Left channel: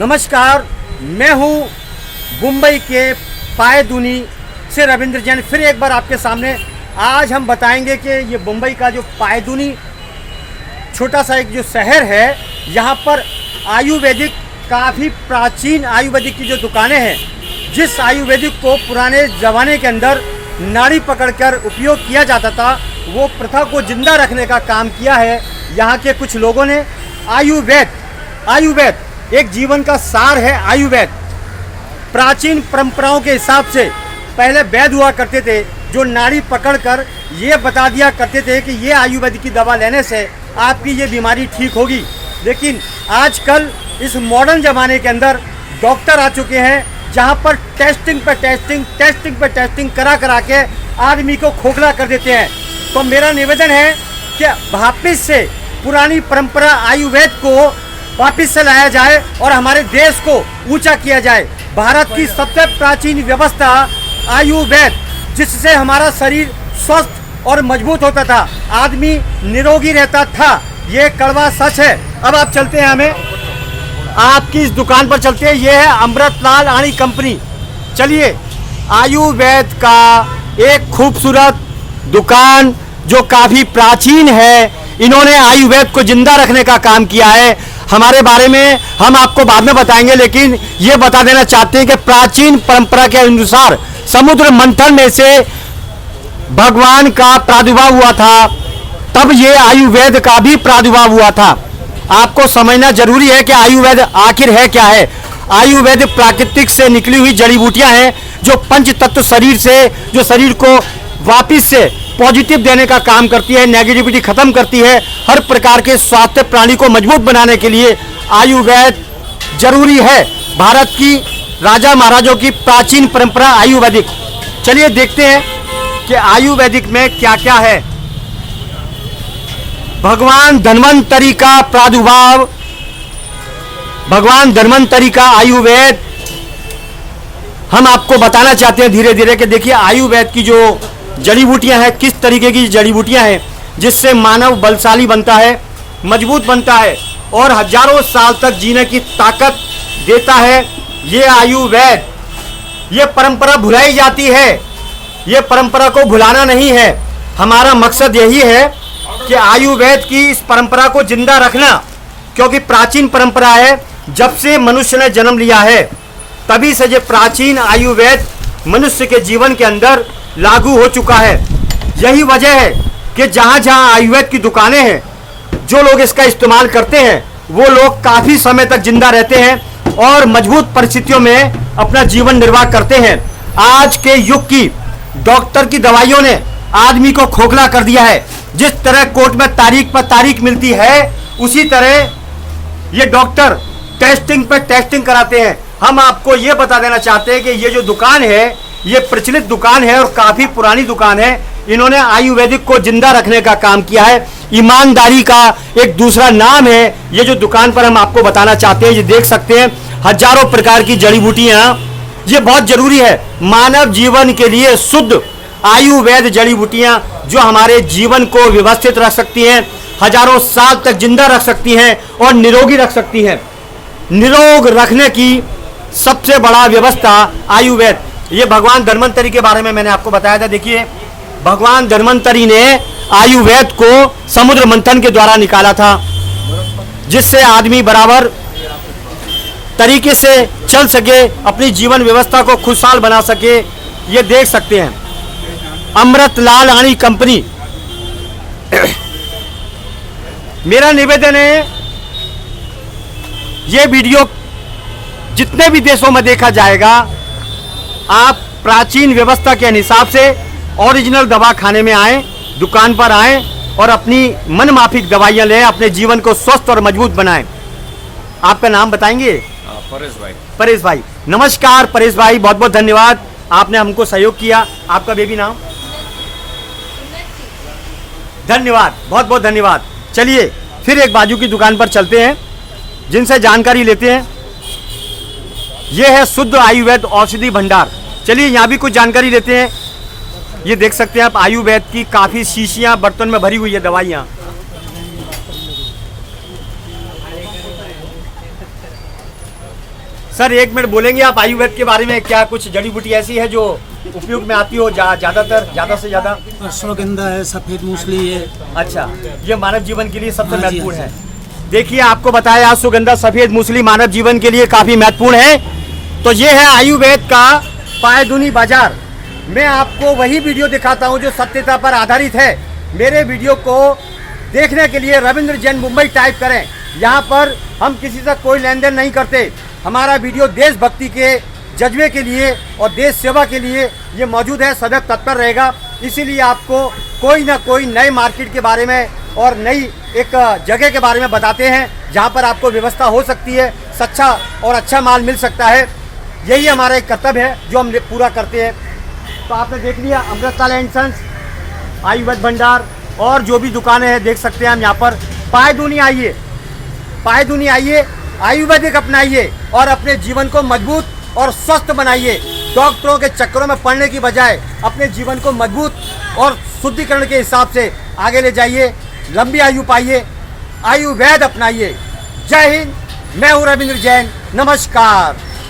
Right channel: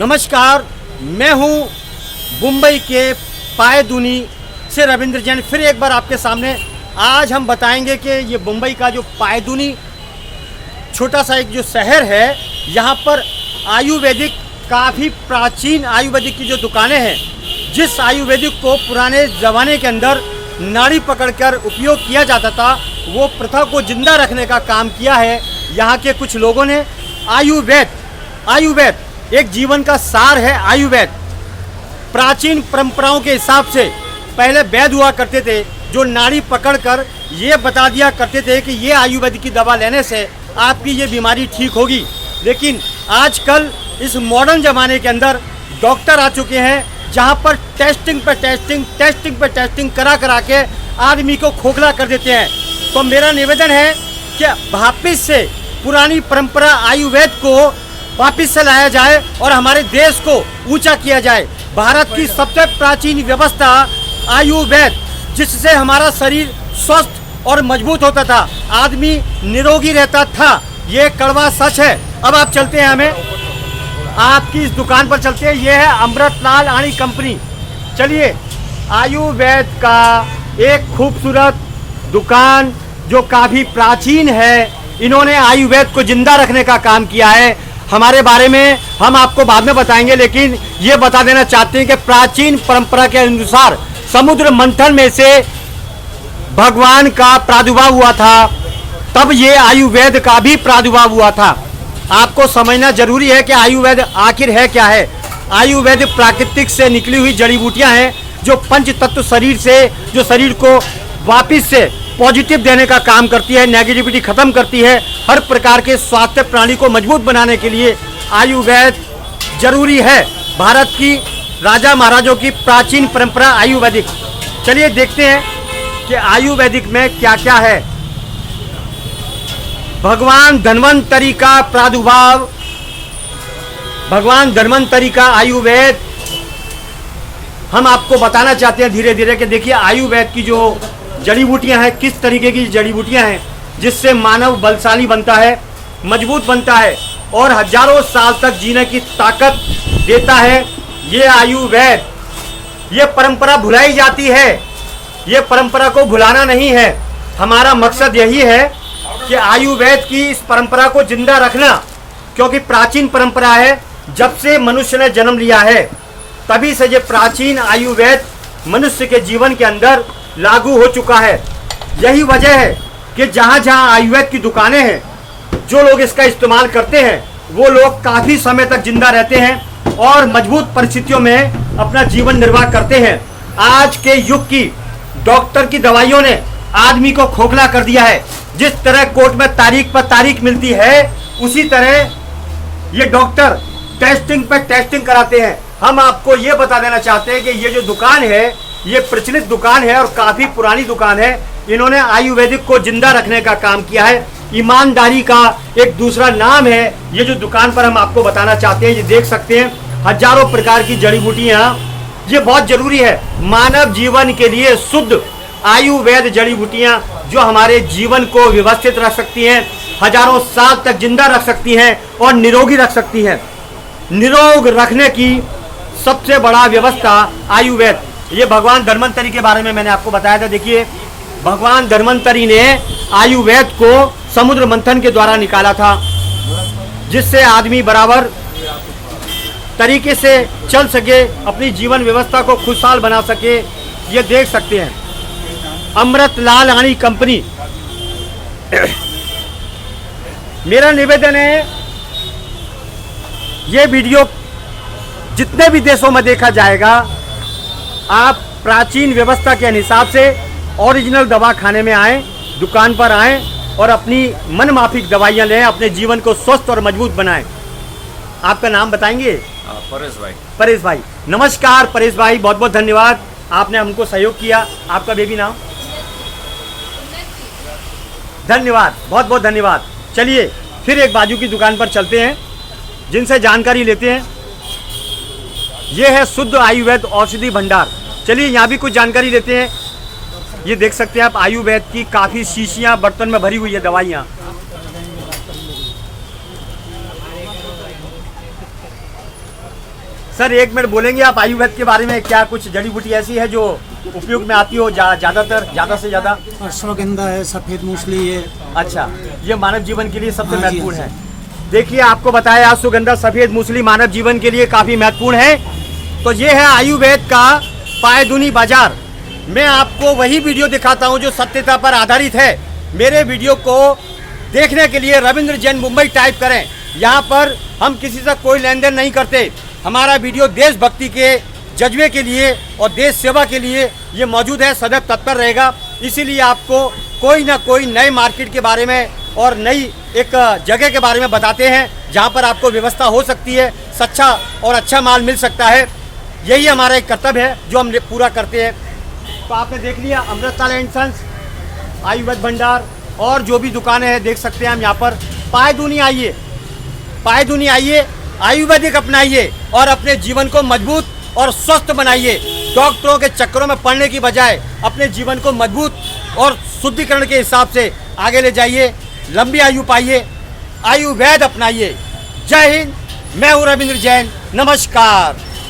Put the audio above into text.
नमस्कार, मैं हूं मुंबई के पायदुनी से रविंद्र जैन। फिर एक बार आपके सामने आज हम बताएंगे कि ये मुंबई का जो पायदुनी छोटा सा एक जो शहर है, यहाँ पर आयुर्वेदिक काफ़ी प्राचीन आयुर्वेदिक की जो दुकानें हैं, जिस आयुर्वेदिक को पुराने ज़माने के अंदर नाड़ी पकड़कर उपयोग किया जाता था, वो प्रथा को जिंदा रखने का काम किया है यहाँ के कुछ लोगों ने। आयुर्वेद एक जीवन का सार है। आयुर्वेद प्राचीन परंपराओं के हिसाब से पहले वैद्य हुआ करते थे, जो नाड़ी पकड़कर ये बता दिया करते थे कि ये आयुर्वेद की दवा लेने से आपकी ये बीमारी ठीक होगी। लेकिन आजकल इस मॉडर्न ज़माने के अंदर डॉक्टर आ चुके हैं, जहाँ पर टेस्टिंग पे टेस्टिंग करा के आदमी को खोखला कर देते हैं। तो मेरा निवेदन है कि वापिस से पुरानी परंपरा आयुर्वेद को वापिस से लाया जाए और हमारे देश को ऊंचा किया जाए। भारत की सबसे प्राचीन व्यवस्था आयुर्वेद, जिससे हमारा शरीर स्वस्थ और मजबूत होता था, आदमी निरोगी रहता था। ये कड़वा सच है। अब आप चलते हैं, हमें आपकी इस दुकान पर चलते हैं। ये है अमृतलाल आणी कंपनी। चलिए, आयुर्वेद का एक खूबसूरत दुकान जो काफ़ी प्राचीन है, इन्होंने आयुर्वेद को जिंदा रखने का काम किया है। हमारे बारे में हम आपको बाद में बताएंगे, लेकिन ये बता देना चाहते हैं कि प्राचीन परंपरा के अनुसार समुद्र मंथन में से भगवान का प्रादुर्भाव हुआ था, तब ये आयुर्वेद का भी प्रादुर्भाव हुआ था। आपको समझना जरूरी है कि आयुर्वेद आखिर है क्या है। आयुर्वेद प्राकृतिक से निकली हुई जड़ी बूटियां हैं, जो पंच तत्व शरीर से, जो शरीर को वापिस से पॉजिटिव देने का काम करती है, नेगेटिविटी खत्म करती है। हर प्रकार के स्वास्थ्य प्राणी को मजबूत बनाने के लिए आयुर्वेद जरूरी है। भारत की राजा महाराजों की प्राचीन परंपरा आयुर्वेदिक। चलिए देखते हैं कि आयुर्वेदिक में क्या क्या है। भगवान धन्वंतरी का प्रादुर्भाव, भगवान धन्वंतरी का आयुर्वेद हम आपको बताना चाहते हैं धीरे धीरे कि देखिए आयुर्वेद की जो जड़ी बूटियां हैं, किस तरीके की जड़ी बूटियां हैं, जिससे मानव बलशाली बनता है, मजबूत बनता है और हजारों साल तक जीने की ताकत देता है। ये आयुर्वेद, ये परंपरा भुलाई जाती है, ये परंपरा को भुलाना नहीं है। हमारा मकसद यही है कि आयुर्वेद की इस परंपरा को जिंदा रखना, क्योंकि प्राचीन परंपरा है। जब से मनुष्य ने जन्म लिया है, तभी से ये प्राचीन आयुर्वेद मनुष्य के जीवन के अंदर लागू हो चुका है। यही वजह है कि जहाँ जहाँ आयुर्वेद की दुकानें हैं, जो लोग इसका इस्तेमाल करते हैं, वो लोग काफ़ी समय तक जिंदा रहते हैं और मजबूत परिस्थितियों में अपना जीवन निर्वाह करते हैं। आज के युग की डॉक्टर की दवाइयों ने आदमी को खोखला कर दिया है। जिस तरह कोर्ट में तारीख पर तारीख मिलती है, उसी तरह ये डॉक्टर टेस्टिंग पर टेस्टिंग कराते हैं। हम आपको ये बता देना चाहते हैं कि ये जो दुकान है, ये प्रचलित दुकान है और काफ़ी पुरानी दुकान है। इन्होंने आयुर्वेदिक को जिंदा रखने का काम किया है। ईमानदारी का एक दूसरा नाम है ये जो दुकान पर हम आपको बताना चाहते हैं। ये देख सकते हैं, हजारों प्रकार की जड़ी बूटियाँ। ये बहुत जरूरी है मानव जीवन के लिए। शुद्ध आयुर्वेद जड़ी बूटियाँ जो हमारे जीवन को व्यवस्थित रख सकती हैं, हजारों साल तक जिंदा रख सकती हैं और निरोगी रख सकती हैं। निरोग रखने की सबसे बड़ा व्यवस्था आयुर्वेद। ये भगवान धन्वंतरी के बारे में मैंने आपको बताया था। देखिए, भगवान धन्वंतरी ने आयुर्वेद को समुद्र मंथन के द्वारा निकाला था, जिससे आदमी बराबर तरीके से चल सके, अपनी जीवन व्यवस्था को खुशहाल बना सके। ये देख सकते हैं, अमृतलाल आणी कंपनी। मेरा निवेदन है, ये वीडियो जितने भी देशों में देखा जाएगा, आप प्राचीन व्यवस्था के हिसाब से ओरिजिनल दवा खाने में आएँ, दुकान पर आएँ और अपनी मन माफिक दवाइयाँ लें, अपने जीवन को स्वस्थ और मजबूत बनाएं। आपका नाम बताएंगे? परेश भाई। परेश भाई, नमस्कार परेश भाई, बहुत बहुत धन्यवाद, आपने हमको सहयोग किया। आपका बेबी नाम? धन्यवाद, बहुत बहुत धन्यवाद। चलिए फिर एक बाजू की दुकान पर चलते हैं, जिनसे जानकारी लेते हैं। ये है शुद्ध आयुर्वेद औषधि भंडार। चलिए यहाँ भी कुछ जानकारी लेते हैं। ये देख सकते हैं आप, आयुर्वेद की काफ़ी शीशियाँ बर्तन में भरी हुई है दवाइयाँ। सर 1 मिनट बोलेंगे आप आयुर्वेद के बारे में, क्या कुछ जड़ी बूटी ऐसी है जो उपयोग में आती हो ज़्यादा से ज़्यादा? अश्वगंधा है, सफ़ेद मूसली है। अच्छा, ये मानव जीवन के लिए सबसे हाँ जी, महत्वपूर्ण हाँ है। देखिए आपको बताया अश्वगंधा सफ़ेद मूसली मानव जीवन के लिए काफ़ी महत्वपूर्ण है। तो ये है आयुर्वेद का पायदुनी बाजार। मैं आपको वही वीडियो दिखाता हूँ जो सत्यता पर आधारित है। मेरे वीडियो को देखने के लिए रविंद्र जैन मुंबई टाइप करें। यहाँ पर हम किसी से कोई लेन देन नहीं करते। हमारा वीडियो देशभक्ति के जज्बे के लिए और देश सेवा के लिए ये मौजूद है, सदैव तत्पर रहेगा। इसीलिए आपको कोई ना कोई नए मार्केट के बारे में और नई एक जगह के बारे में बताते हैं जहाँ पर आपको व्यवस्था हो सकती है, सच्चा और अच्छा माल मिल सकता है। यही हमारा एक कर्तव्य है जो हम पूरा करते हैं। तो आपने देख लिया अमृतपाल एंड सन्स, आयुर्वेद भंडार और जो भी दुकानें हैं देख सकते हैं हम यहाँ पर। पायदुनी आइए, पायदुनी आइए, आयुर्वेदिक अपनाइए और अपने जीवन को मजबूत और स्वस्थ बनाइए। डॉक्टरों के चक्करों में पड़ने की बजाय अपने जीवन को मजबूत और शुद्धिकरण के हिसाब से आगे ले जाइए, लंबी आयु पाइए, आयुर्वेद अपनाइए। जय हिंद, मैं हूँ रविंद्र जैन, नमस्कार।